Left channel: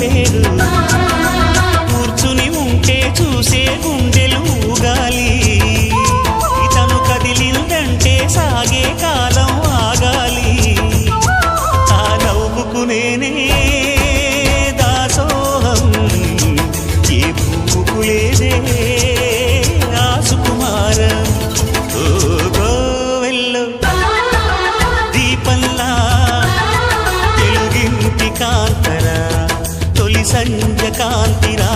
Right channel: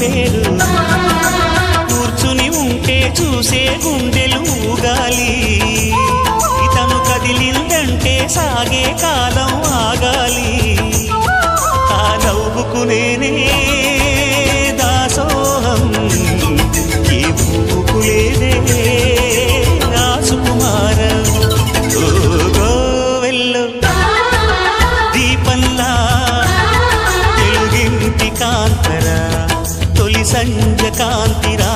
పేరు కూర్చుని ఉంటే చూసే గుండెలు ఊగాలి ఇతను కదిలిందంటే సాగే కాలం ఆగాలి ఆ నవ్వుకు నేనే దాసోహం ఏ పువ్వుకు లేదే ఆ సుకుమారం ఓ గోవెల్లో దీపంలా తెలుగింటి కాంతరా తొలి సంధ్య కాంతిరా